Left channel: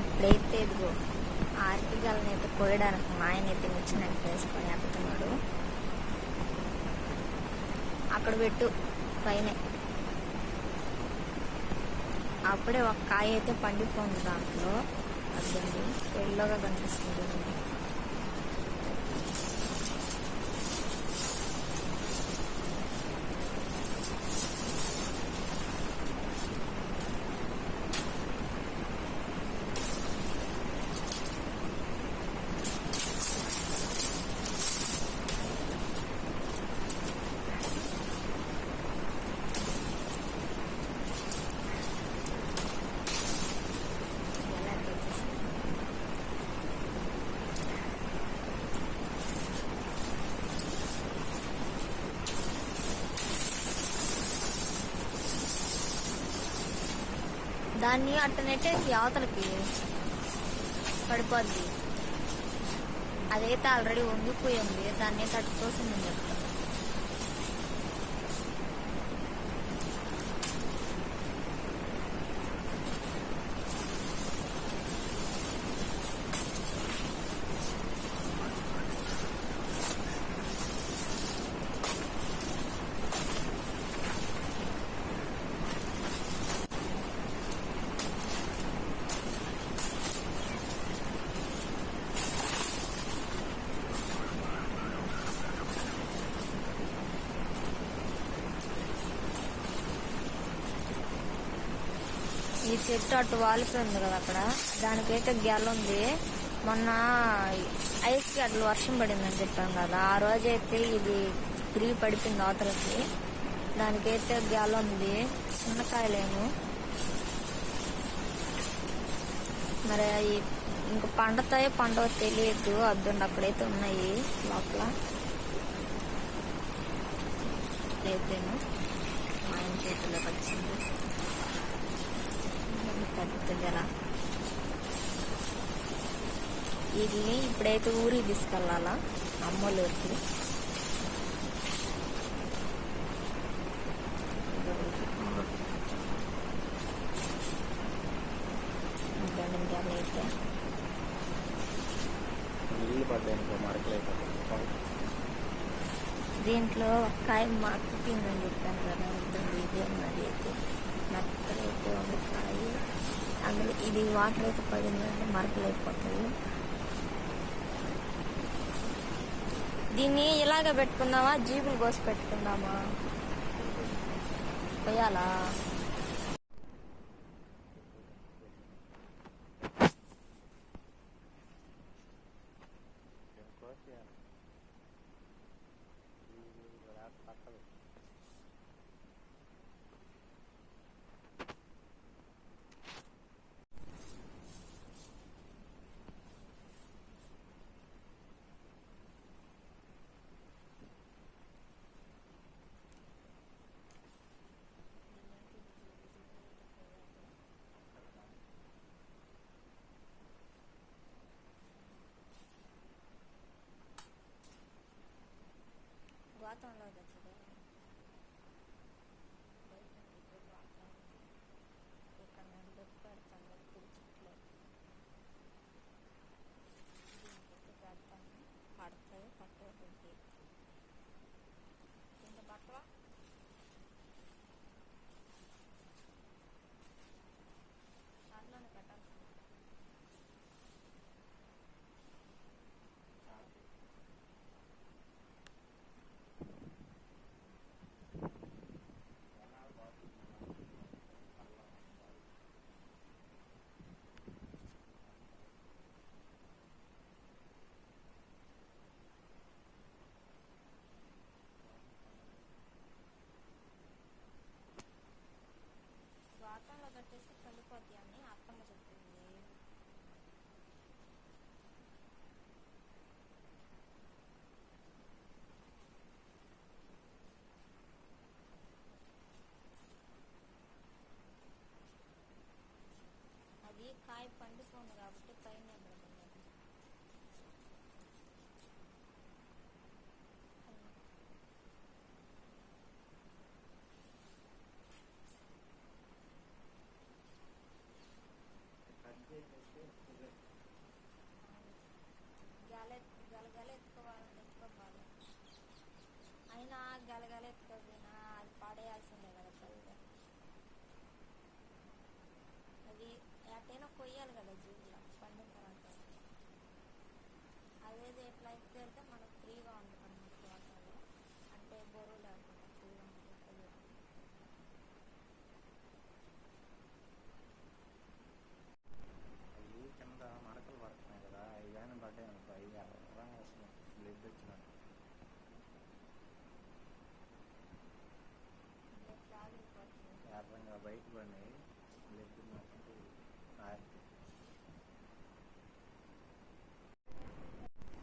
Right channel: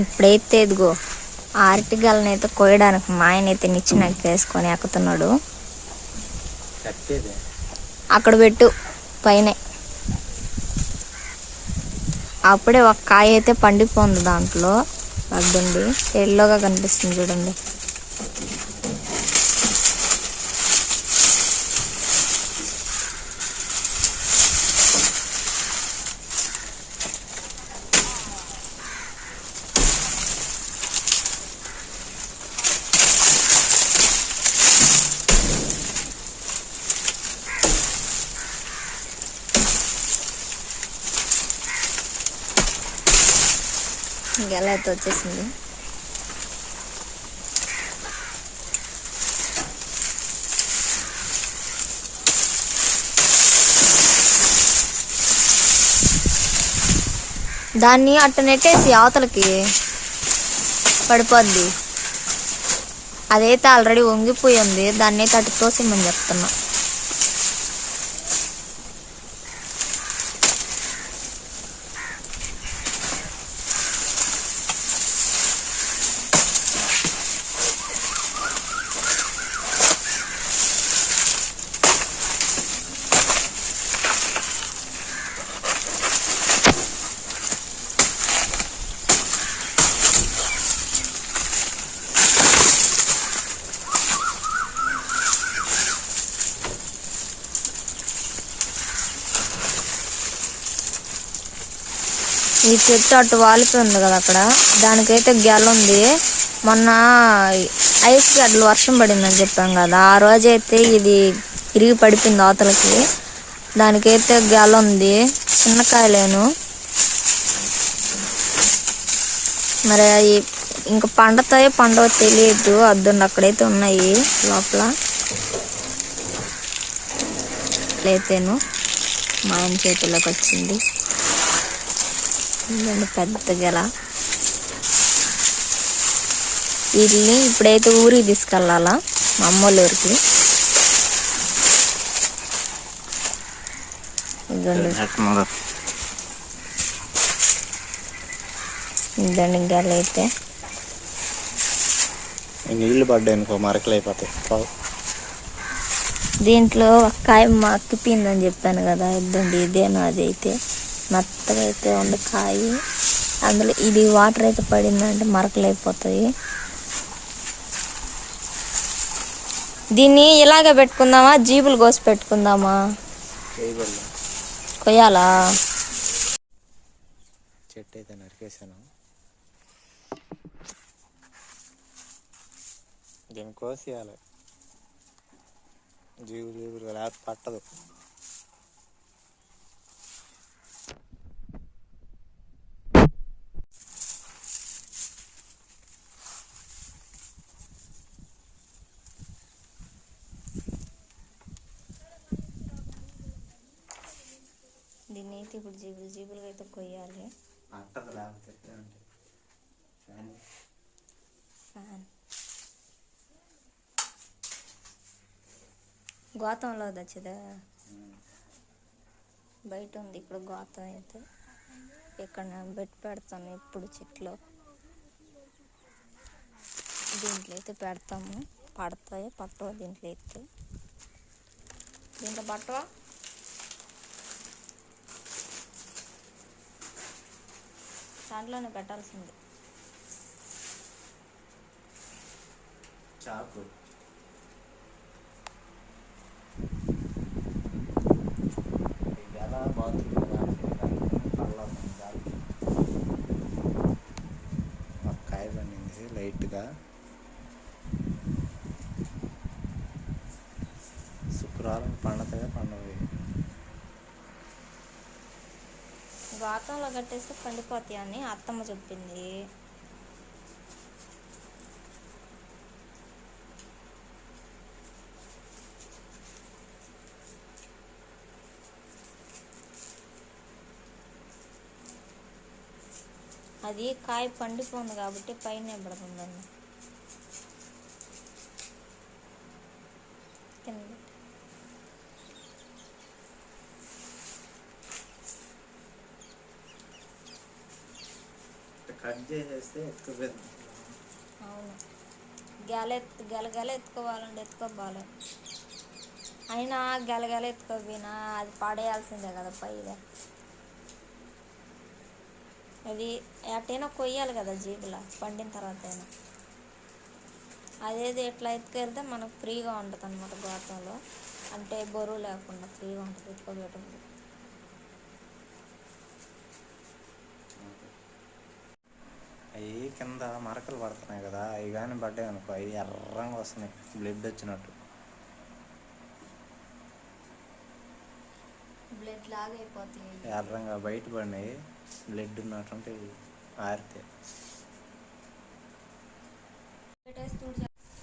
ఇప్పుడైతే ఇదిగో ఆర్టిగల్ని అయితే కోయడానికి మా ఆయన అయితే నిచ్చిన వేసుకొని ఎక్కుతున్నాడు. అక్కడ పెట్టు పైనే. అప్పుడే ఒక కాయ అయితే పండిపోతుంది దాంట్లో. అద్దండి ఎల్లోగా కనిపిస్తుంది చూడండి. ఎలా అయితే వచ్చేసింది? దాన్ని అట్ట నెట్టేసి అవతలకి పడిపోద్ది. అదైతే ఆల్రెడీ వంగిపోయి ఉంది దాన్ని అయితే అటు తోసేమని చెప్తున్నా. ఈ చెట్టు అటు వాలిపోయింది కదా అక్కడ. దానికైతే గెల ఉంది. మొన్న ఐస్ గడ్డలు వర్షం పడిందని చెప్పాం కదా. ఆ రోజైతే ఇది ఇరిగి పడిపోయింది అవతలకి. దానికైతే గెల ఉంది. చిన్న కాయలేను. మరి అవి ఇంకా పండుతాయో పండవో తెలియదు. అద్దండి అక్కడైతే ఉన్నాయి లోపల. లేతేను. మా ఆయన చేతిలోకి వచ్చింది. ఇదండి పెద్ద గెల వీటిని ఇప్పుడైతే ఊరికి తీసుకెళ్ళాలా మా అమ్మోళ్ళ ఊరికి. ఇదండి గెల అయితే. నీళ్ళు పడ్డాయి అనుకో మరకలు అయిపోతాయి. దీంట్లో కాయ మక్కిపోయిందని చెప్పాను కదా ఇద్దండి ఇదేను అది అయితే. మెత్తగా అయితే ఉంది కాయ అందులో ఇది వాటర్ అయితే పడిందంటే మరకలు అయిపోతాయి దీన్ని ఇలాగ పెట్టుకుందామా? జీబులు కోసి పెట్టుకుందామా? కొయ్యాలా? చెట్టు అయితే నరికేసాను దీన్ని కోసేయాలి. జీవులు జీవులు లేకపోతే పట్టదు దీన్ని అయితే ఇప్పుడు జీబులు జీబులుగా అయితే కొయ్యాలి. ఫ్యాన్. గోతంలో దచ్చదా? బయట ఉంది ఇప్పుడు గోతం అయితే. ఇక్కడ పెట్టి పెడతాను ఎప్పుడు చెట్లో. దీంట్లో అయితే పెడతాము. పడతాయి? పట్టవా దీంట్లో అయితే? దీంట్లో పట్టవా? దాంట్లోనే పెట్టాల్సింది. చాకు ఎలా బాత్రూమ్ ఒక కాయ పండింది లైట్గా శుక్రవారం పండుతాయా పండవి గోతంలో కట్టేస్తే పండిపోతాయి అని అత్తమ్మ చెప్పింది. అది కాయ పండిపోంది కాబట్టి పైన పడుతుందండి పెట్టు. కట్ చేసేస్తే ఎత్తుకుపోయింది అవును. గెల ఎత్తు గెల గెల ఎత్తుకోవాలి. అయినా గెల ఎత్తుకోపోయినా అది పడేయాల్సిందే కదా పైగా అది ఎటైనా కొయ్యాలి కదా జీబులా పండిన తర్వాత అయినా. అదేది ఎట్లా ఎత్తుకెళ్తే మనకు ఫ్రీగా ఉంటుంది అనమాట గోతంలో అంటే బరువు లేకుండా ఫ్రీగా ఉంటుంది ఎత్తుకోబెట్టడం అవి కింద మరకలు పడుతున్నాయి కదా అవి కానీ పడ్డాయి అనుకో అవి ఎర్రంగా వస్తున్నాయి బ్లడ్ వచ్చినట్టు. బ్లడ్ లాగా అయిపోతాయి. ఎర్రంగా బయట పడినాయి బ్లడ్ ఉన్నట్టుంటే ఆరితే.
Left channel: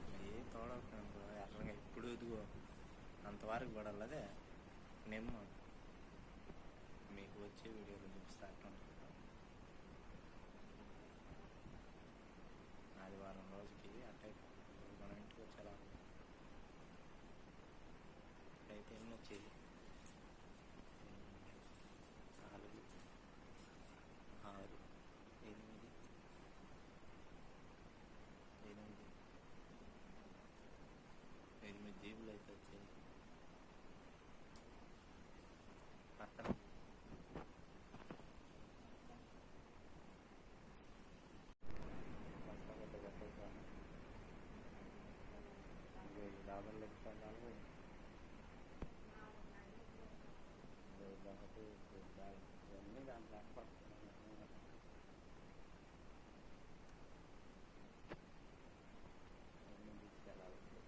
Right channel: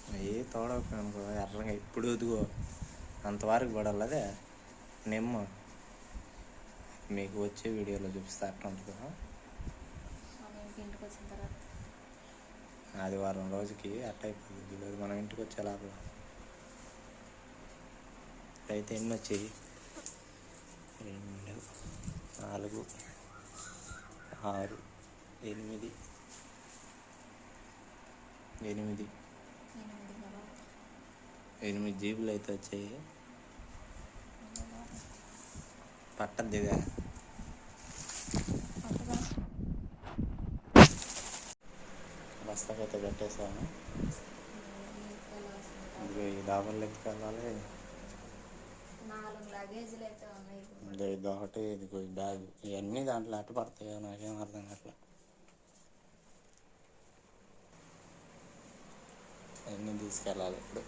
అవి తోడకపోయి అనుకో ఎర్రంగా ఇప్పుడు ఎదుగో అంతవరకు పడాలి అదే. నిమ్మ. మీకు వచ్చే వీడియోలో చూపిస్తే అట్లా ఉంటుంది ఇంటికి వచ్చిన తర్వాత? ఆదివారం రోజుకి అట్ట అయిపోతుంది. ఈరోజు మనం ఇంటికి వచ్చే అయితే ఎన్ని వచ్చాయి? రెండు నాలుగు ఆరు ఎనిమిది. ఎనిమిది. ఎనిమిది జీబులు అయితే వచ్చాయి. పట్టద్దిగా పట్టుదా బస్తాకైతే కట్టేసాను ఇదిగో ఈ లగేజ్లు అయితే ఉన్నాయి. ఇదిగో ఇది ఒకటి ఇదిగో ఈ బ్యాగ్ ఇవన్నీ దాంట్లో అట్ట పడతాయో నాకేం అర్థం కావట్లా. అన్నీ తీసుకెళ్ళాలి ఇప్పుడు.